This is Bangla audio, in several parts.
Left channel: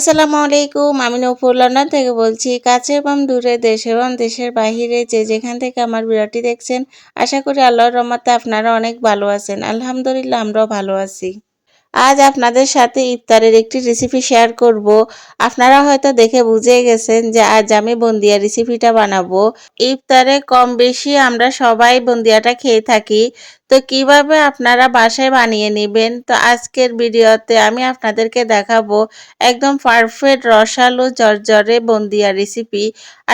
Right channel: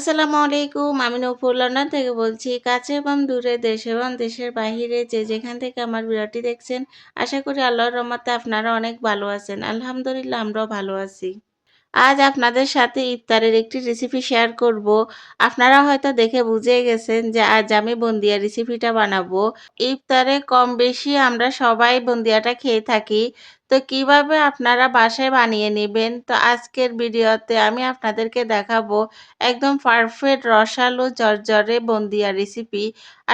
আসসালামু আলাইকুম। আমি নূপুর লন্ডন থেকে বলছি। কাছে এবং দূরে, দেশ এবং দেশের বাহিরে যে যেখান থেকে আমার ভিডিওটি দেখছেন, আশা করি আল্লাহর রহমতে আপনারা অনেক ভালো আছেন। আলহামদুলিল্লাহ আমরাও ভালো আছি। আজ আপনাদের সাথে ইফতারের একটি রেসিপি শেয়ার করব। আপনারা হয়তো দেখে বুঝেই গেছেন যে আজ আমি বুন্দিয়া রেসিপিটা বানাবো। ইফতারে কম বেশি আমরা সবাই বুন্দিয়াটা খেয়ে থাকি। তো কিভাবে আপনারা বাসায় বানিয়ে নেবেন? তো আজকের ভিডিওতে আমি আপনাদেরকে দেখাবো একদম পারফেক্ট রসালো ঝরঝরে বুন্দিয়া রেসিপি।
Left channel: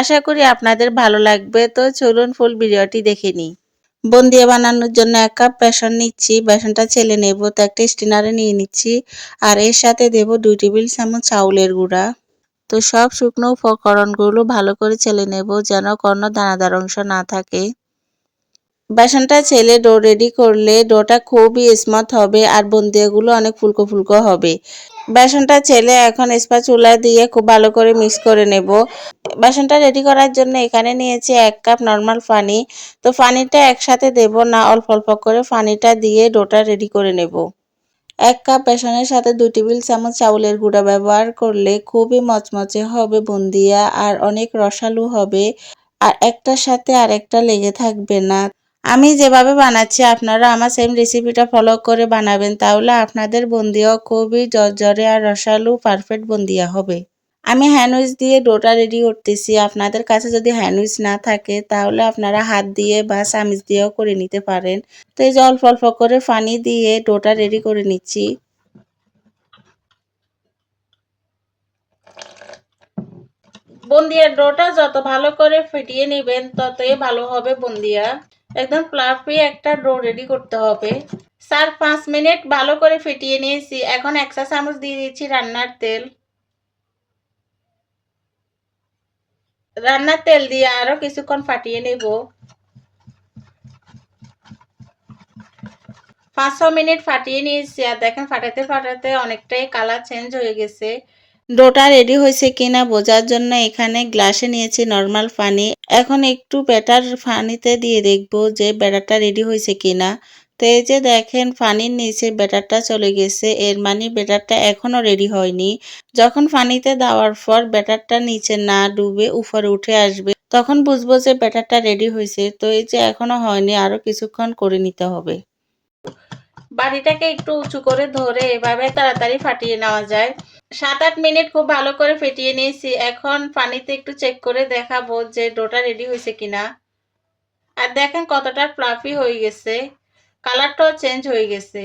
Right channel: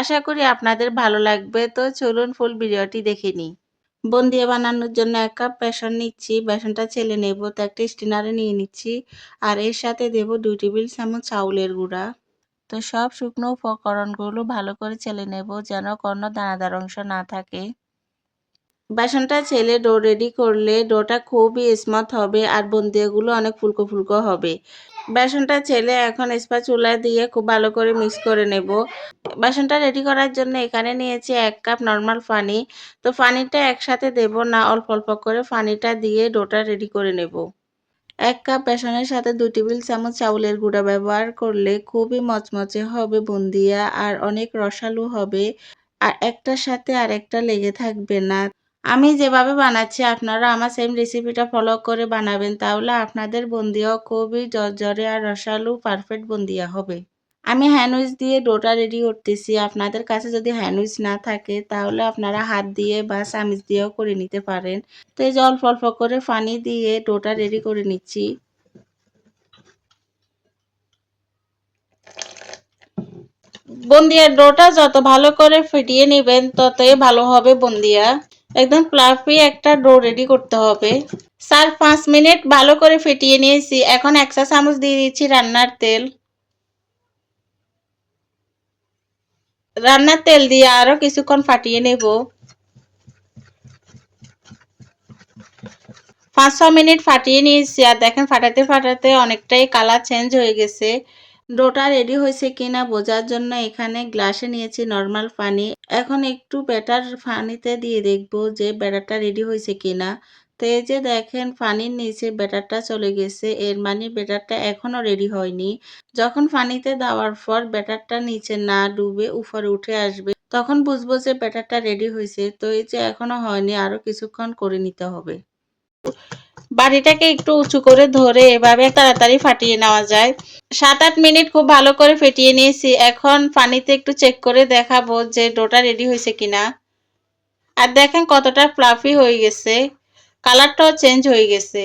আশা করি আপনাদের ভালো লাগবে। তো চলুন ফুল ভিডিওটি দেখে নিই। বুন্দিয়া বানানোর জন্য 1 কাপ বেসন নিচ্ছি। বেসনটা চেলে নেব। তো একটা স্ট্রেনারে নিয়ে নিচ্ছি। আর এর সাথে দেব 2 টেবিল চামচ চাউলের গুঁড়া। তো সব শুকনো উপকরণগুলো ভালো করে চেলে নেব যেন কোনো দানাদার অংশ না থাকে। বেসনটা চেলে ডো রেডি করলে ডোটা খুবই স্মুথ হবে আর বুন্দিয়াগুলো অনেক ফুলকো ফুলকো হবে। বেসনটা চেলে এখন স্প্যাচুলা দিয়ে খুব ভালো করে মিক্স করে নেব। বেসনটা রেডি করার জন্য এখানে নিয়েছি 1 কাপ নরমাল পানি। তো পানিটা একসাথে দেব না, অল্প অল্প করে পানিটা দিয়ে ডোটা রেডি করে নেব। 1 কাপ বেসনের সাথে 2 টেবিল চামচ চাউলের গুঁড়া ব্যবহার করলে খুবই মচমচে হবে বুন্দিয়া আর অনেক রসালো হবে আর একটার সাথে আরেকটা লেগে থাকবে না। আমি যেভাবে বানাচ্ছি আপনারা আমার সেম রেসিপিটা ফলো করে বানাবেন, তাহলে আপনাদের বুন্দিয়াও খুবই ঝরঝরে আর রসালো পারফেক্ট বুন্দিয়া হবে। আমি হ্যান্ড উইচ দিয়ে ডোটা রেডি করতেছি। আপনাদের কাছে যদি হ্যান্ড উইচ না থাকে তাহলে আপনারা হাত দিয়ে বা চামচ দিয়েও করে নিতে পারেন। তো এই যে অল্প অল্প করে পানি দিয়ে ডোটা রেডি করে নিচ্ছি। বুন্দিয়ার ডোটা যত ভালো করে ফেটিয়ে নেবেন ততই ভালো হবে বুন্দিয়া। একদম ফ্লাফি একটা ডো রেডি করতে হবে। 4-5 মিনিট ভালো করে ফেটিয়ে নিয়েছি। এখন 1 চা চামচ দিয়ে দিচ্ছি রান্নার তেল। রান্নার তেল দিয়ে আরো কিছুক্ষণ ফাটিয়ে নেব। 5-6 মিনিট ফাটিয়ে নিয়েছি আর দেখেন ফাটাতে ফাটাতে অনেকটাই কালার চেঞ্জ হয়ে গেছে। ডোটা রেডি হয়েছে কিনা বোঝার জন্য এখানে গ্লাসে নিয়েছি নরমাল পানি। এখন একটু ব্যাটার পানিতে দিয়ে দেখব যে ব্যাটারটা রেডি হয়েছে কিনা। তো এই যে দেখেন পানির নিচে ব্যাটারটা চলে গেছে, এর মানে ব্যাটারটা এখনো রেডি হয়নি। যখন পানিতে দেওয়ার পর ব্যাটারটা নিচে না ডুবে উপরে উঠে আসবে তখন বুঝবো যে ব্যাটারটা রেডি হয়েছে। তো এই যে এখনো হয়নি, আরো কিছুক্ষণ করে নিতে হবে। বাটিটাকে একটু উঁচু করে ধরে এভাবে তাড়াতাড়ি ফাটিয়ে নেওয়া যায়। 7-8 মিনিট খুব ভালো করে ফেটিয়ে নিয়েছি। এখন পানিতে একটু চেক করে দেখাবো যে ডোটা রেডি হয়েছে কিনা। আর দেখেন কতটা ফ্লাফি হয়ে গেছে, কালারটাও চেঞ্জ হয়ে গেছে।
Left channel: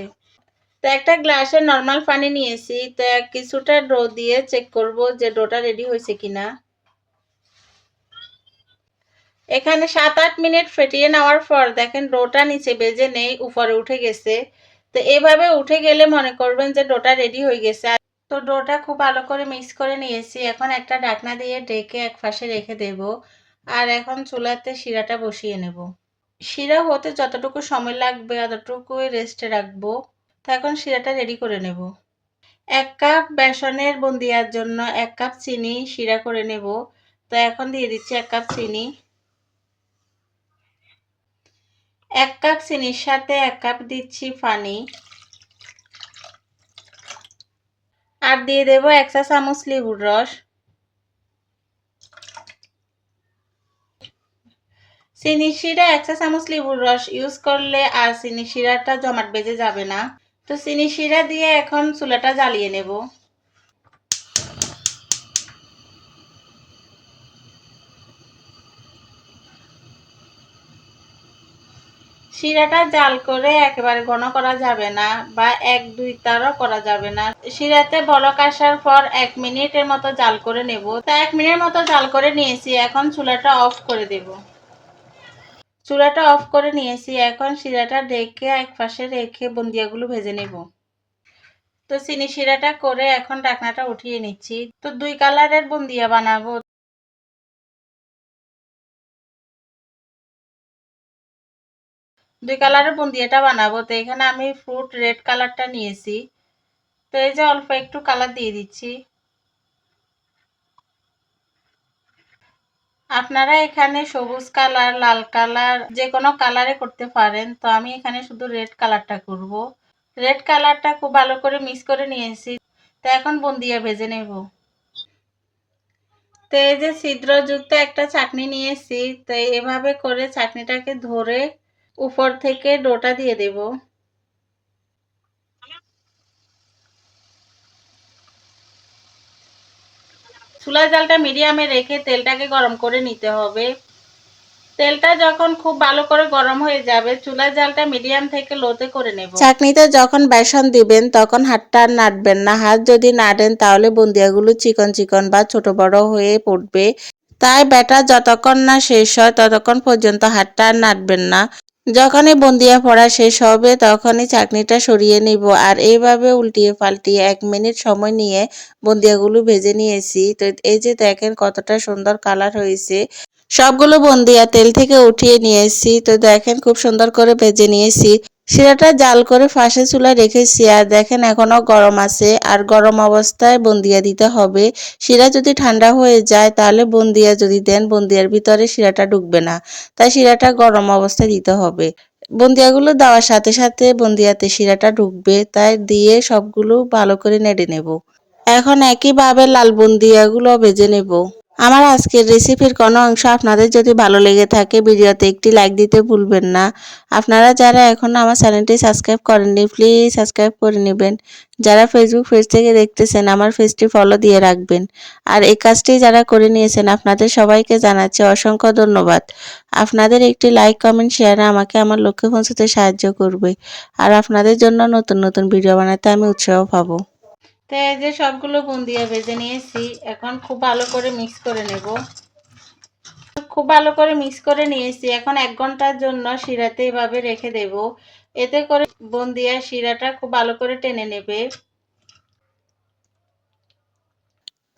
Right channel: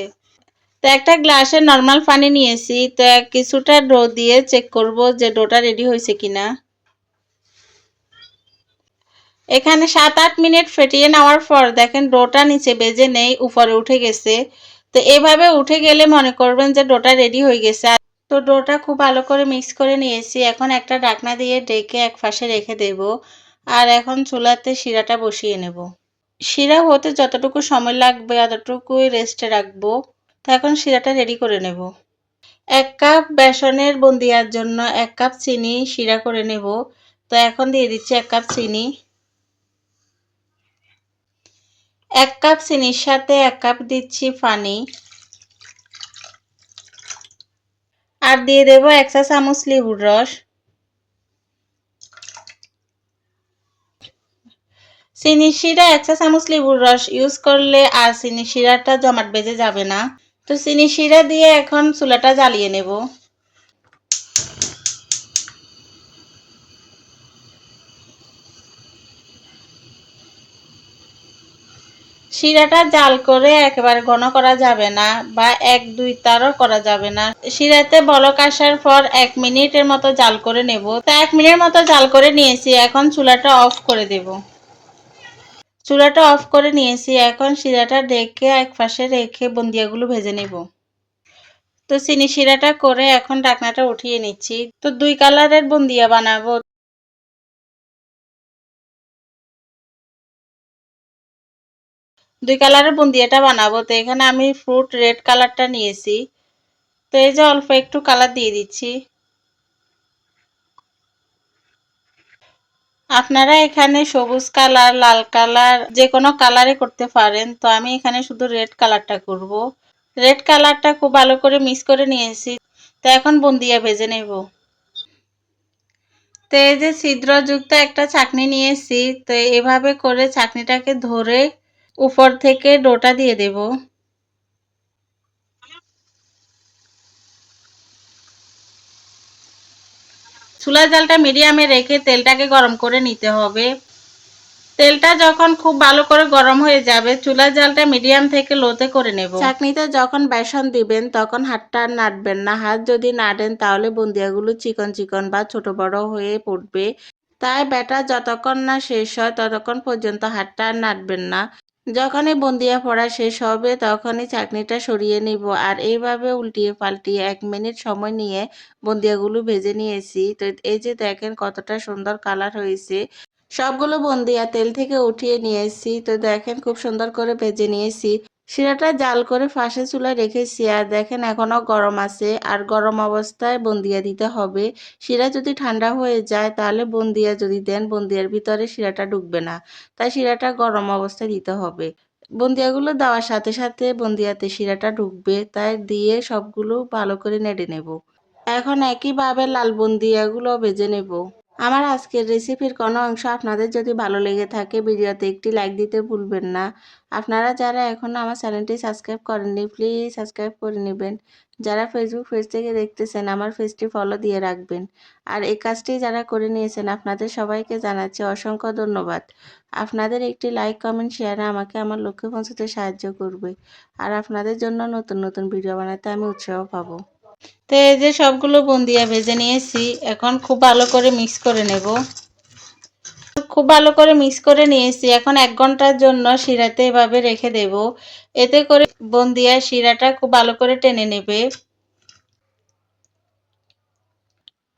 তো একটা গ্লাসে নরমাল পানি নিয়েছি। তো কিছুটা ডো দিয়ে চেক করব যে ডোটা রেডি হয়েছে কিনা। এখানে 7-8 মিনিট ফেটিয়ে নেওয়ার পর দেখেন ডোটা নিচে বেজে নেই, উপরে উঠে গেছে। তো এভাবে উঠে গেলে মনে করবেন যে ডোটা রেডি হয়ে গেছে। তো ডোটা খুব ভালো করে মিক্স করে নিয়েছি। এখন একটা ঢাকনা দিয়ে ঢেকে এক পাশে রেখে দেব। আর এখন চুলাতে শিরাটা বসিয়ে নেব। শিরা হতে যতটুকু সময় লাগবে ততটুকুই রেস্টে রাখবো। তো এখন শিরাটা রেডি করে নেব। 1 কাপ বেসনের বুন্দিয়ার জন্য 1 কাপ চিনি শিরা করে নেব। তো এখন দিয়ে দিচ্ছি 1 কাপ চিনি। 1 কাপ চিনির সাথে 1 কাপ দিচ্ছি পানি। আর দিয়ে দেব 1 চা চামচ লেবুর রস। চিনি শিরা 1 চা চামচ লেবুর রস ইউজ করলে আর চিনি শিরাটা জমাট বেঁধে যাবে না। তো চিনি শিরা দিয়ে এখন চুলাটা জ্বালিয়ে নেব। শিরাটা জাল করে একেবারে ঘন করা যাবে না বা 1-2 তারও করা যাবে না। শিরাতে বলক আসার পর 1 মিনিটের মতো জাল করে নেব। তো 1 মিনিট মতো জাল করে নিয়েছি। এখন চুলাটা অফ করে দেব। চুলাটা অফ করে নিয়েছি। এখন শিরাটা ঢেকে এক পাশে রেখে বুন্দিয়াগুলো ভেজে নেব। তো চিনি শিরাটা করে এখন ঢাকনাটা উঠিয়ে নিচ্ছি। তো 2 কালারের বুন্দিয়া বানাবো। 2 কালারের বুন্দিয়াটা বানাবো। তো এখানে আমি ফ্রুট রেড কালারটা নিয়েছি। তো এই যে অল্প একটু কালার দিয়ে দিচ্ছি। আপনারা এখানে সবুজ কালার, লাল কালার যে কোনো কালারে করতে পারেন। তো আমি এখানে শুধু রেড কালারটা করব। রেড কালারটা খুব ভালো করে মিক্স করে নিয়েছি। তো এখন বুন্দিয়া ভেজে নেব। তো এই যে ছিদ্রযুক্ত একটা ছাঁকনি নিয়েছি। তো এভাবে করে ছাঁকনিটাকে ধরে উপর থেকে ডোটা দিয়ে দেব। চুলার জালটা মিডিয়ামে রেখে তেলটাকে গরম করে নিতে হবে। তেলটা যখন খুব ভালো করে গরম হয়ে যাবে, চুলার জালটা মিডিয়াম থেকে লোতে করে নেব। ছাঁকনিতে যখন বেসন দিবেন তখন হাতটা আর নাড়বেন না। হাত যদি নাড়েন তাহলে বুন্দিয়াগুলো চিকন চিকন বা ছোট বড় হয়ে পড়বে। তাই ব্যাটার যতক্ষণ না শেষ হয় ততক্ষণ পর্যন্ত হাতটা আর নাড়বেন না। যখনই বুন্দিয়া পড়া শেষ হবে তখনই চাটনিটা সরিয়ে নিব আর এইভাবে উল্টিয়ে পাল্টিয়ে 1 মিনিট সময় নিয়ে বুন্দিয়াগুলো ভেজে নিয়েছি। তো এই যে দেখেন কতটা সুন্দর কালার হয়েছে। সবগুলো বুন্দিয়া তেল থেকে উঠিয়ে নিয়েছি। তো দেখেন খুব সুন্দর করে ভেজে নিয়েছি। শিরাটা জাল করে ফাঁসের চুলায় রেখেছি আর দেখেন এখনো গরম আছে আর গরম অবস্থায় বুন্দিয়া দিতে হবে। শিরা যদি ঠান্ডা হয়ে যায় তাহলে বুন্দিয়া যদি দেন বুন্দিয়ার ভিতরে শিরাটা ঢুকবে না। তাই শিরাটা গরম অবস্থায় দিতে হবে। বুন্দিয়াগুলো দেওয়ার সাথে সাথে বুন্দিয়াতে শিরাটা ঢুকবে, তাই দিয়ে সবগুলো ভালো করে নেড়ে নেব। এখন একইভাবে লাল বুন্দিয়াগুলো ভেজে নেব। আমার আজকের রেসিপির কোনো অংশ আপনাদের যদি ভালো লেগে থাকে ভিডিওতে একটি লাইক দিতে ভুলবেন না। আপনারা যারা এখনও আমার চ্যানেলটি সাবস্ক্রাইব করেননি প্লিজ সাবস্ক্রাইব করে নেবেন। যারা ফেসবুক পেজ থেকে দেখতেছেন আমার পেজটি ফলো দিয়ে রাখবেন। আর এই কাজটি যারা করে নিয়েছেন আপনাদের সবাইকে জানাচ্ছি অসংখ্য ধন্যবাদ। আপনাদের একটি লাইক কমেন্ট শেয়ারে আমাকে আমার লক্ষ্যে পৌঁছতে সাহায্য করবে। আর আপনাদের জন্য নতুন নতুন ভিডিও বানাতে আমি উৎসাহ পাবো। তো এই যে সবগুলো বুন্দিয়া ভেজে নিয়েছি, এখন খুব ভালো করে মিক্স করে নেব। খুব ভালো করে মিক্স করে নিয়েছি। এখন 1 ঘন্টার জন্য শিরাতে এভাবে রেখে দেব। এতে করে বুন্দিয়া শিরাটা খুব ভালো করে টেনে নেবে।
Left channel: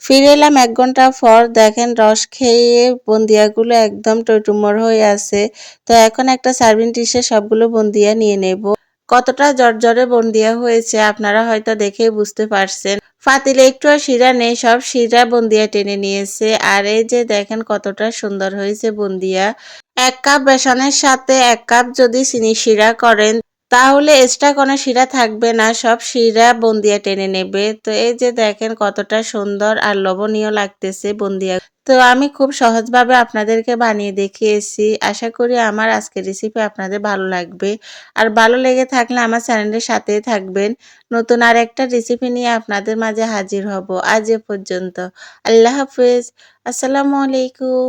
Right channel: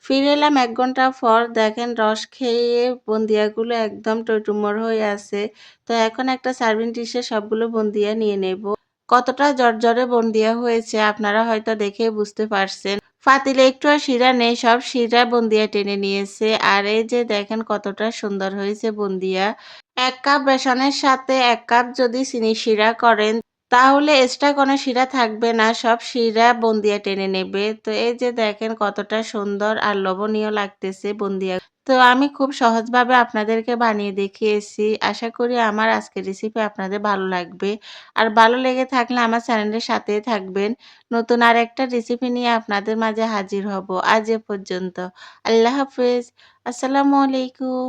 ফিরে এলাম 1 ঘন্টা পর। দেখেন রস খেয়ে বুন্দিয়াগুলো একদম টইটুম্বর হয়ে আছে। তো এখন একটা সার্ভিং ডিশে সবগুলো বুন্দিয়া নিয়ে নেব। কতটা জর্জরে বুন্দিয়া হয়েছে আপনারা হয়তো দেখেই বুঝতে পারছেন। পাতিলে একটু আর শিরা নেই, সব শিরা বুন্দিয়া টেনে নিয়েছে। আর এই যে দেখেন কতটা সুন্দর হয়েছে বুন্দিয়া। 1 কাপ বেসনের সাথে 1 কাপ যদি চিনি শিরা করেন তাহলে এক্সট্রা কোনো শিরা থাকবে না, সব শিরা বুন্দিয়া টেনে নেবে। তো এই যে দেখেন কতটা সুন্দর আর লোভনীয় লাগতেছে বুন্দিয়া। তো আমি খুব সহজভাবে আপনাদেরকে বানিয়ে দেখিয়েছি। আশা করি আমার আজকের রেসিপি আপনাদের ভালো লাগবে। আর ভালো লেগে থাকলে আমার চ্যানেলের সাথেই থাকবেন। নতুন আরেকটা রেসিপি নিয়ে আপনাদের মাঝে হাজির হব। আজ এ পর্যন্ত। আল্লাহ হাফেজ। আসসালামু আলাইকুম।